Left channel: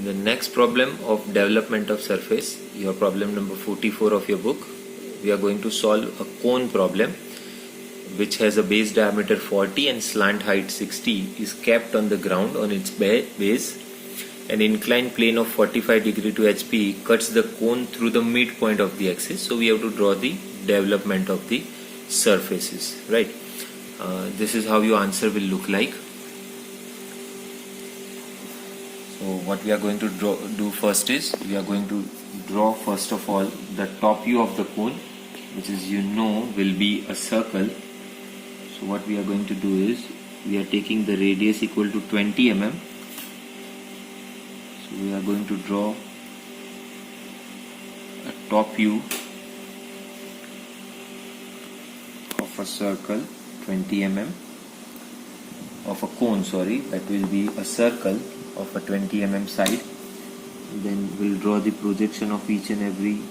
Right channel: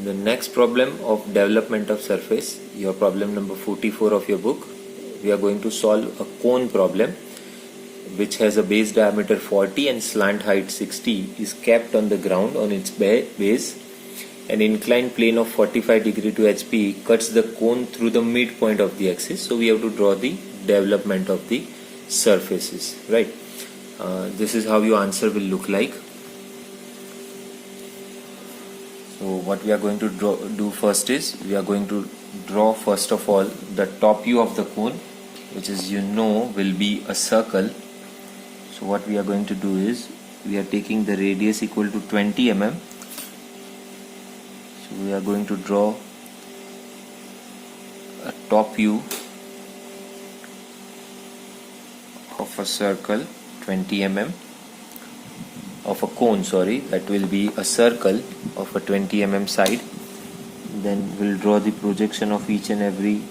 In the next problem of development of surface, your problem number 44 of your book, we are going to solve a cone problem which has a base diameter 40 and slant height 60, is kept on the ground on its base. An inclined plane of 45 degree to HP cuts the cone through the midpoint of the axis. So we have to draw the development of the surfaces, right? This is how your answer will look like. So what we are going to do first is, we are going to draw first of all the top view of the cone, which is will be a circle. So what we are going to do is, we are taking the radius equal to 20 mm. So we are going to draw a top view of a circle 20 mm. Of a cone, that will be a circle of a 20 mm side. Then we'll draw the projection of each and every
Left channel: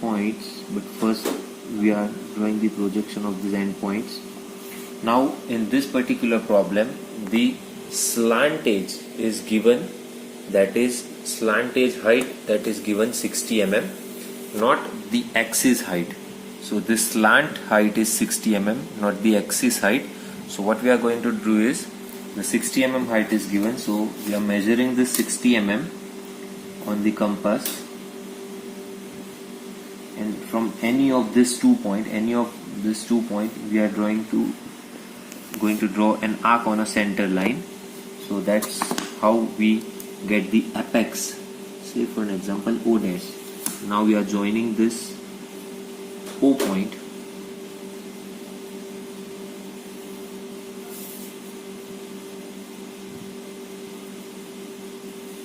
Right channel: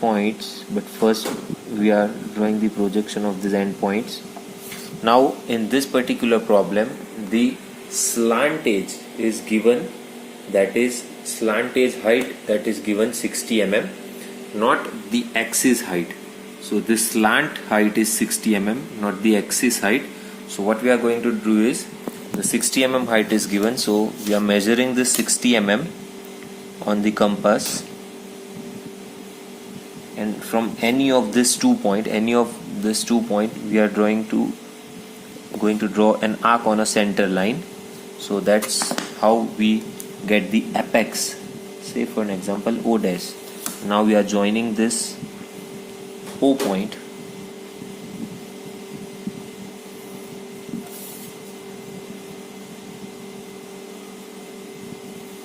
points, but first we are drawing the projection of these end points. Now in this particular problem, the slant edge is given, that is slant edge height, that is given 60 mm, not the axis height. So this slant height is 60 mm, not the axis height. So what we are going to do is, the 60 mm height is given, so we are measuring this 60 mm on the compass, and from any of these 2 points, we are going to draw an arc on a center line. So that's how we get the apex. Say for an example O dash. Now we are joining this O point.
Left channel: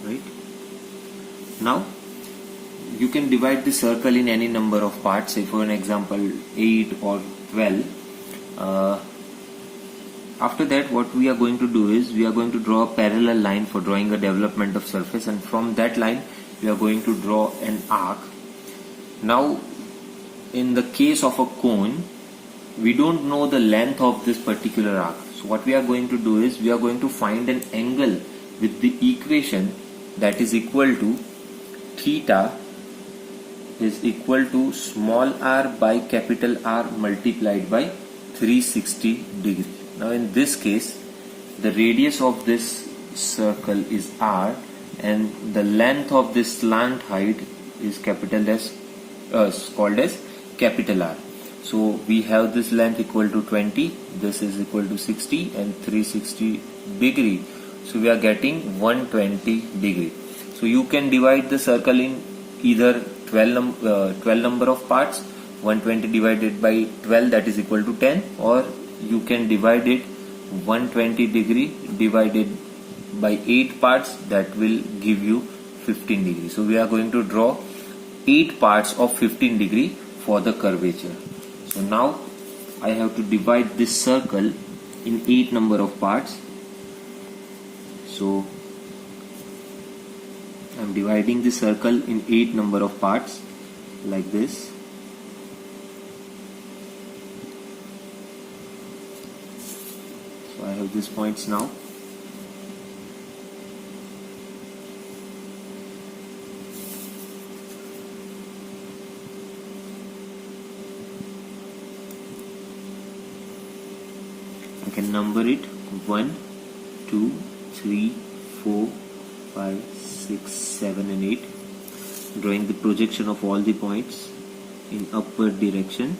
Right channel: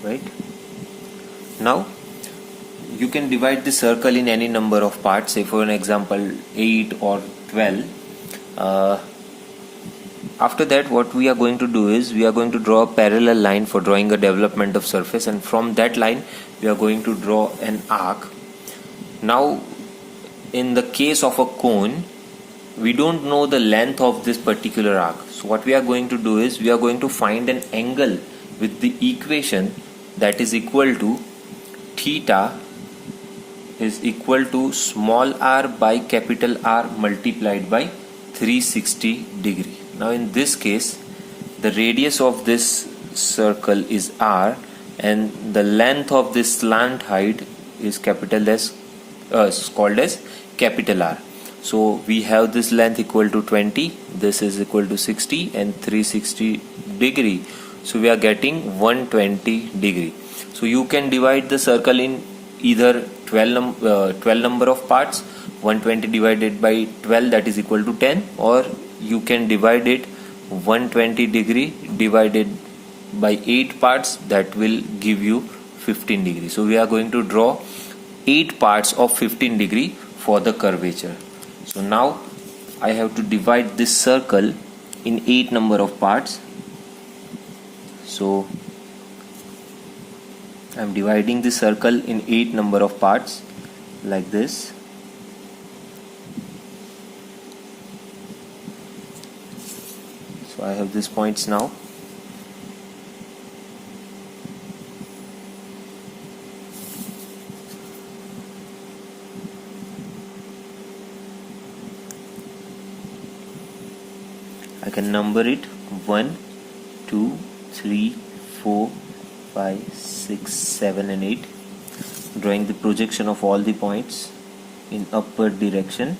Right? Now you can divide the circle in any number of parts, say for an example 8 or 12. After that, what we are going to do is, we are going to draw a parallel line for drawing a development of surface, and from that line we are going to draw an arc. Now in the case of a cone, we don't know the length of this particular arc. So what we are going to do is, we are going to find an angle with the equation that is equal to theta is equal to small r by capital R multiplied by 360 degree. Now in this case, the radius of this circle is r, and the length of this slant height is called as capital R. So we have this length equal to 20, this is equal to 60, and 360 degree. So we are getting 120 degree. So you can divide the circle in either 12 number of parts, 120 divided by 12, that is equal to 10, or you can divide it 120 degree divided by 8 parts, that will give you 15 degree. So we are going to draw 8 parts of 15 degree for the curvature. So now I have to divide this circle in 8 number of parts. So I am dividing the circle in 8 number of parts like this. So I have these points now. I can number it 1, 2, 3, 4, 5, 6, 7 and 8, drawing the projection of all the points in upward direction.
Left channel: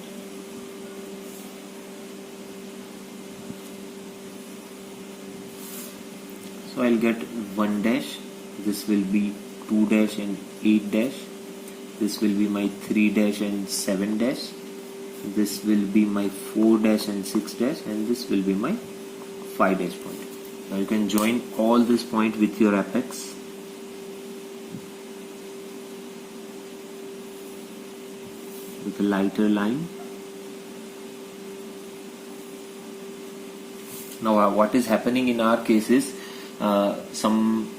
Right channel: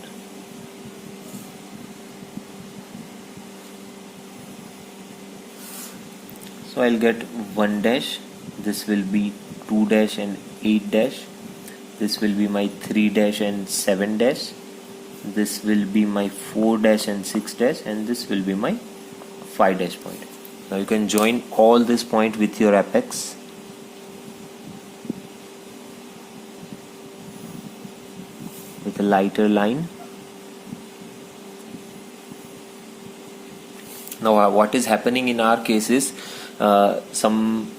So I'll get 1 dash, this will be 2 dash and 8 dash, this will be my 3 dash and 7 dash, this will be my 4 dash and 6 dash, and this will be my 5 dash point. Now you can join all this point with your apex. With a lighter line. Now what is happening in our case is, some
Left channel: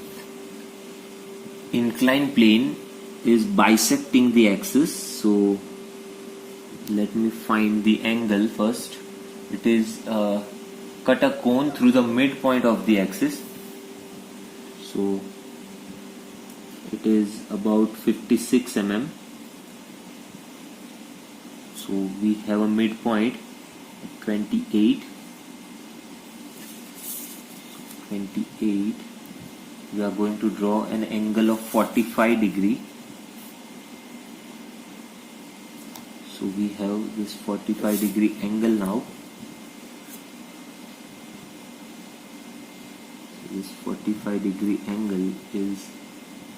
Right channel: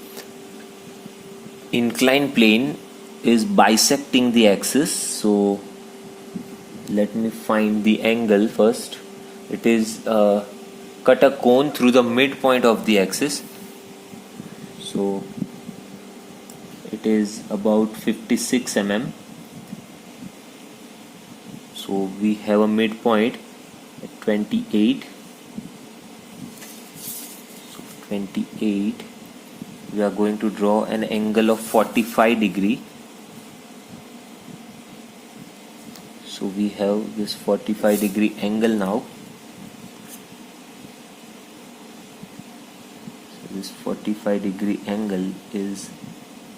inclined plane is bisecting the axis. So let me find the angle first. It is cut a cone through the midpoint of the axis. So it is about 56 mm. So we have a midpoint at 28. 28. We are going to draw an angle of 45 degree. So we have this 45 degree angle now. So this 45 degree angle is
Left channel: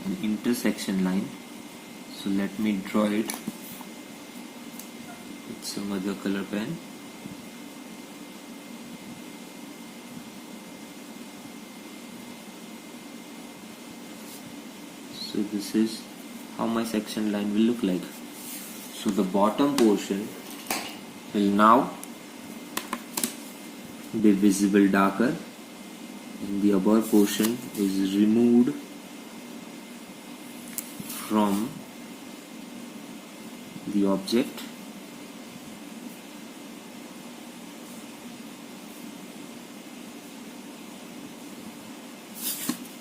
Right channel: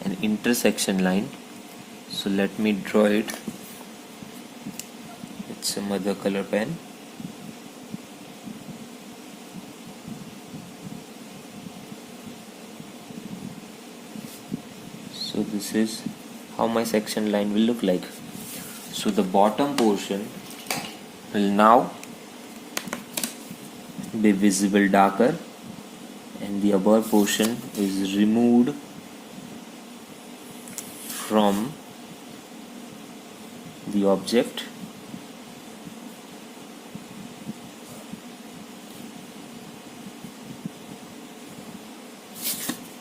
an intersection line. So let me draw it with some other color pen. So this is how my section line will look like. So the bottom portion will now be visible darker, and the above portion is removed from the object.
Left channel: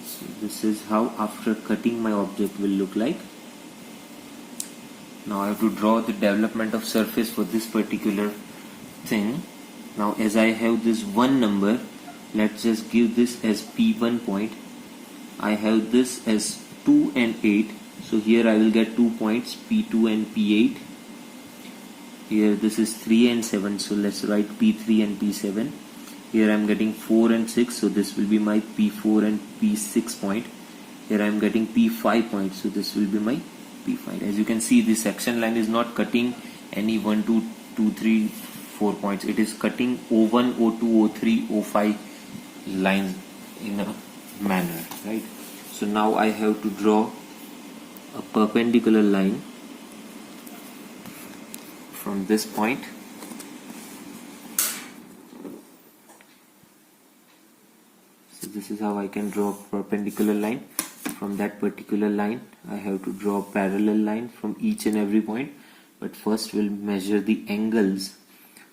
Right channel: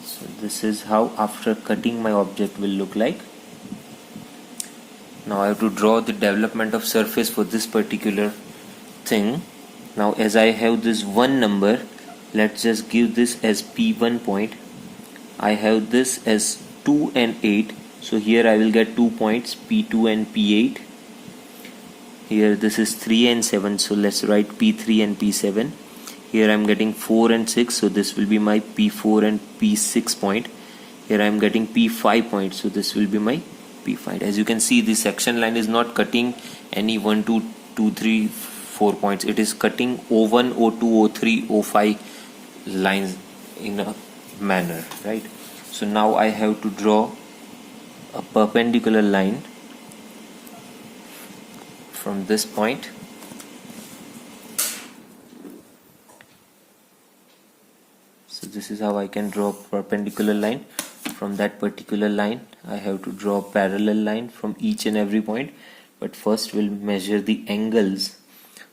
So this is how after cutting my object will look like. Now I have to draw the development of surface for this particular thing. Now as I have this one number, let's just give this as P1 point. I have this as 2 and 8. So here I will get 2 points, P2 and P8. Here this is 3 and 7. So let's write P3 and P7. Here I am getting 4 and 6. So this will be my P4 and P6 point. Here I am getting P5 point. So this will be my P5. As you can see, the section line is not cutting any 1, 2, 2, 3, 4 points. It is cutting O1, O2, O3, O5 lines in a manner, right? So now I have to draw a perpendicular line from this point. So this is how I can draw a perpendicular line. From that particular line I have to draw a parallel line from each and every point, but first we'll measure the angles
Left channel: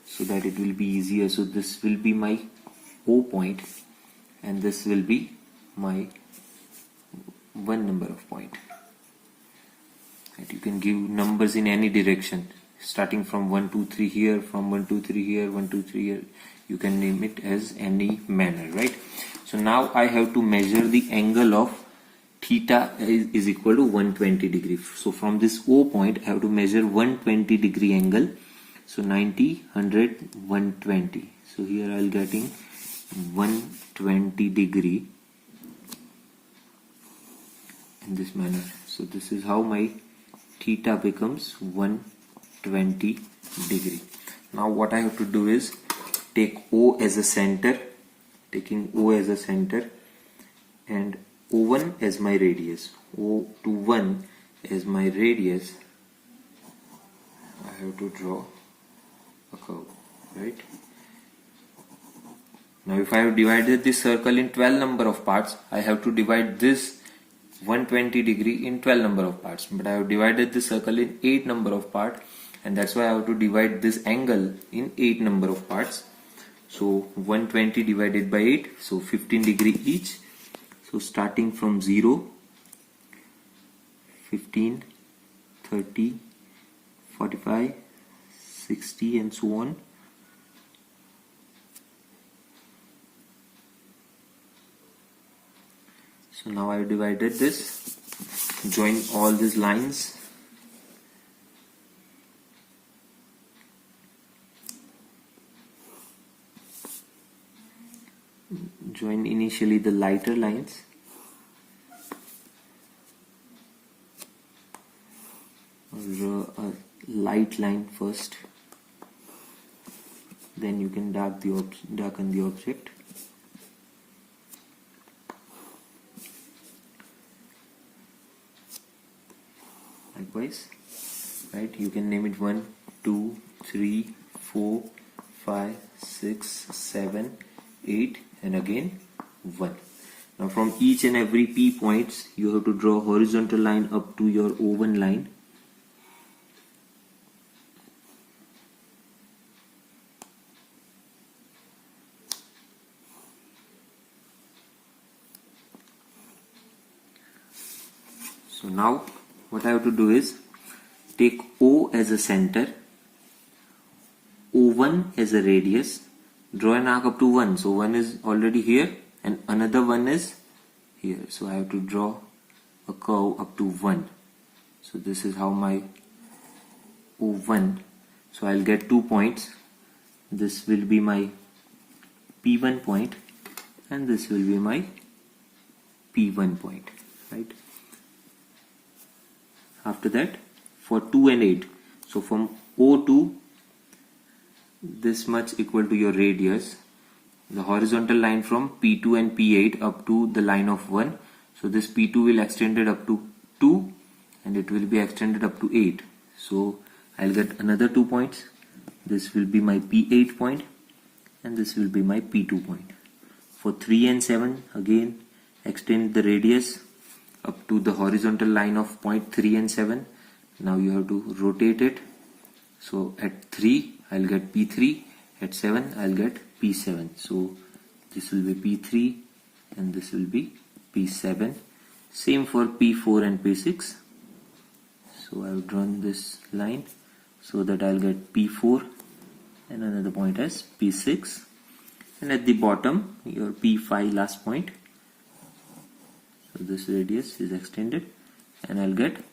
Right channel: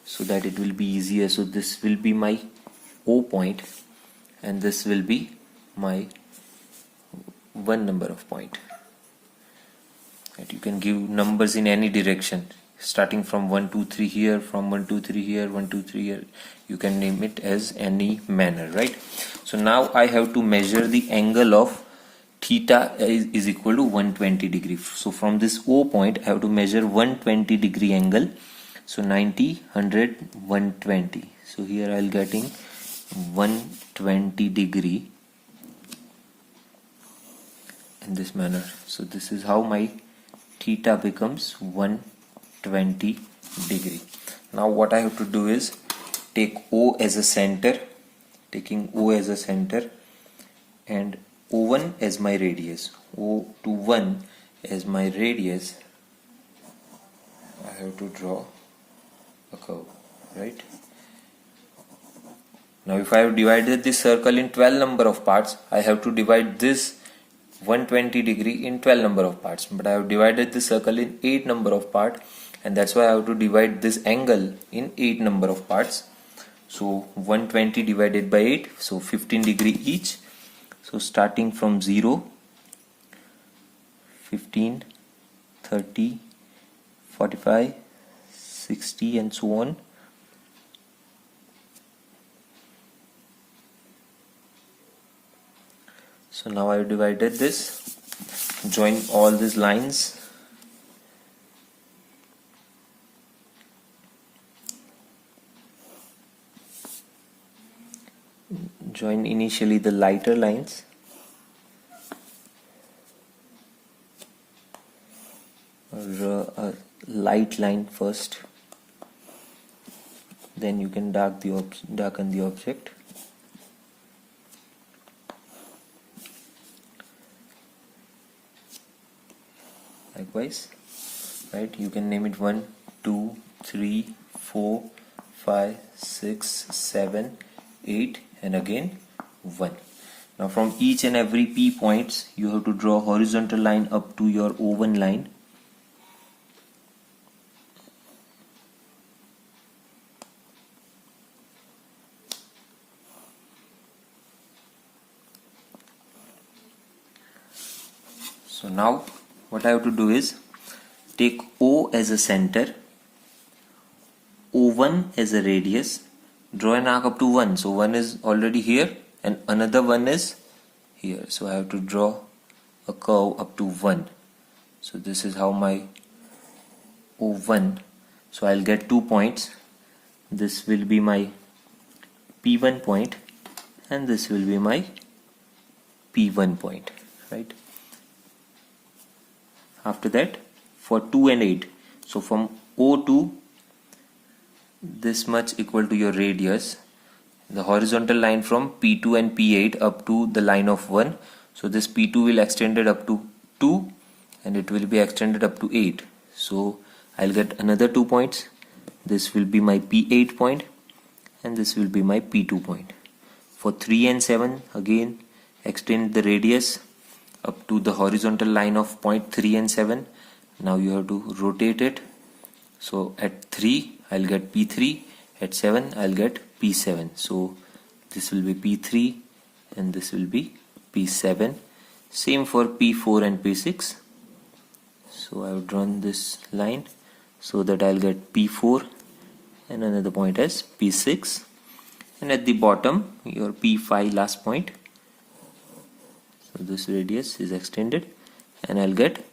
so that it will be easier. So this will be my O point and this will be my one number of point. And you can give numbers in any direction, starting from 1, 2, 3 here, from 1, 2, 3 here, 1, 2, 3 here. You can name it as any manner, right? So now I have to measure the angle of theta is equal to 120 degree. So from this O point I have to measure 120 degree angle. So 90, 100, 120. So here I will getting 120 degree in this manner. So this is how my theta becomes 120 degree. Now what I have to do is take O as a center, taking O as a center and O1 as my radius, O21 as my radius. I have to draw a curve, right? Now if I have divided this circle in 12 number of parts, I have to divide this 120 degree in 12 number of parts, but I have divided this circle in 8 number of parts, and that's why I have to divide this angle in 8 number of parts. So 120 divided by 8, so 15 degree each. So starting from 0, 15, 30, 45, 60 and so on. So now I have divided this, join all these lines. Join initially the lighter lines. Or a light line first. Then you can darken the object. Likewise, right? You can name it 1, 2, 3, 4, 5, 6, 7, 8 and again 1. Now from each and every P points you have to draw a horizontal line up to your O1 line. So now what I have to do is take O as a center, O1 as a radius, draw an arc up to 1. So 1 is already here and another 1 is here. So I have to draw a curve up to 1. So this is how my O1. So I'll get 2 points. This will be my P1 point and this will be my P1 point, right? After that, for 2 and 8, so from O to this much equal to your radius, the horizontal line from P2 and P8 up to the line of 1. So this P2 will extend it up to 2 and it will be extended up to 8. So I'll get another 2 points. This will be my P8 point and this will be my P2 point. For 3 and 7, again extend the radius up to the horizontal line of point 3 and 7. Now you have to rotate it. So at 3 I'll get P3, at 7 I'll get P7. So this will be P3 and this will be P7. Same for P4 and P6. So I've drawn this line so that I'll get P4 and another point as P6. And at the bottom your P5 last point. So this radius is extended and I'll get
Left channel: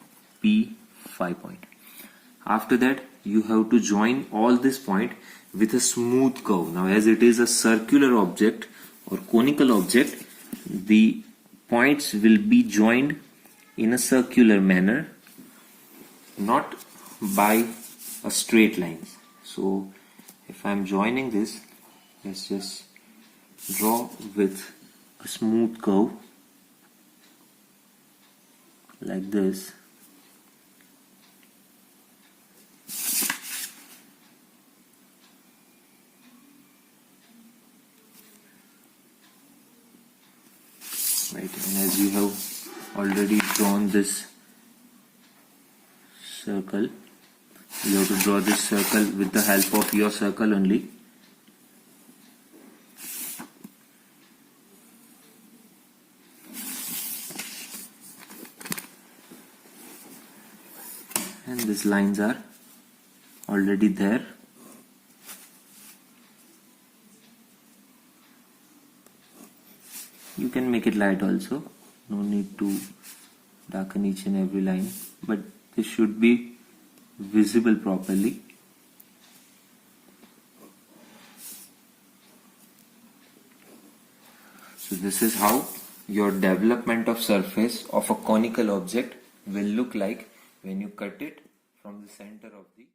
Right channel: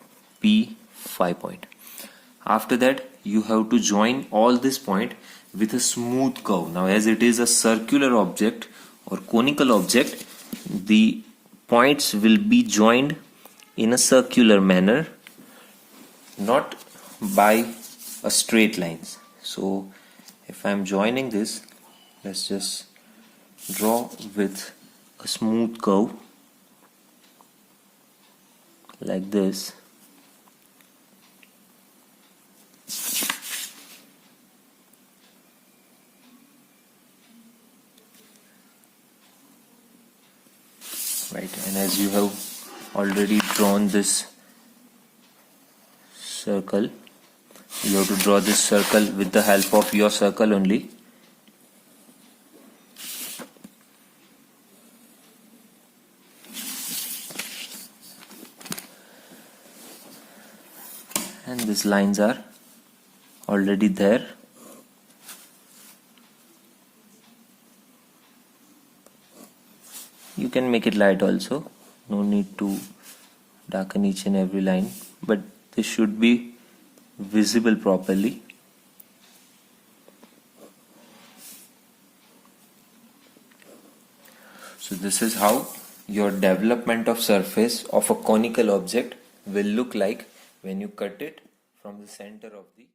P5 point. After that you have to join all this point with a smooth curve. Now as it is a circular object or conical object, the points will be joined in a circular manner, not by a straight lines. So if I am joining this, let's just draw with a smooth curve like this. Right, and as you have already drawn this circle, you have to draw this circle with the help of your circle only. And these lines are already there. You can make it light also, no need to darken each and every line, but this should be visible properly. So this is how your development of surface of a conical object will look like when you cut it from the center of the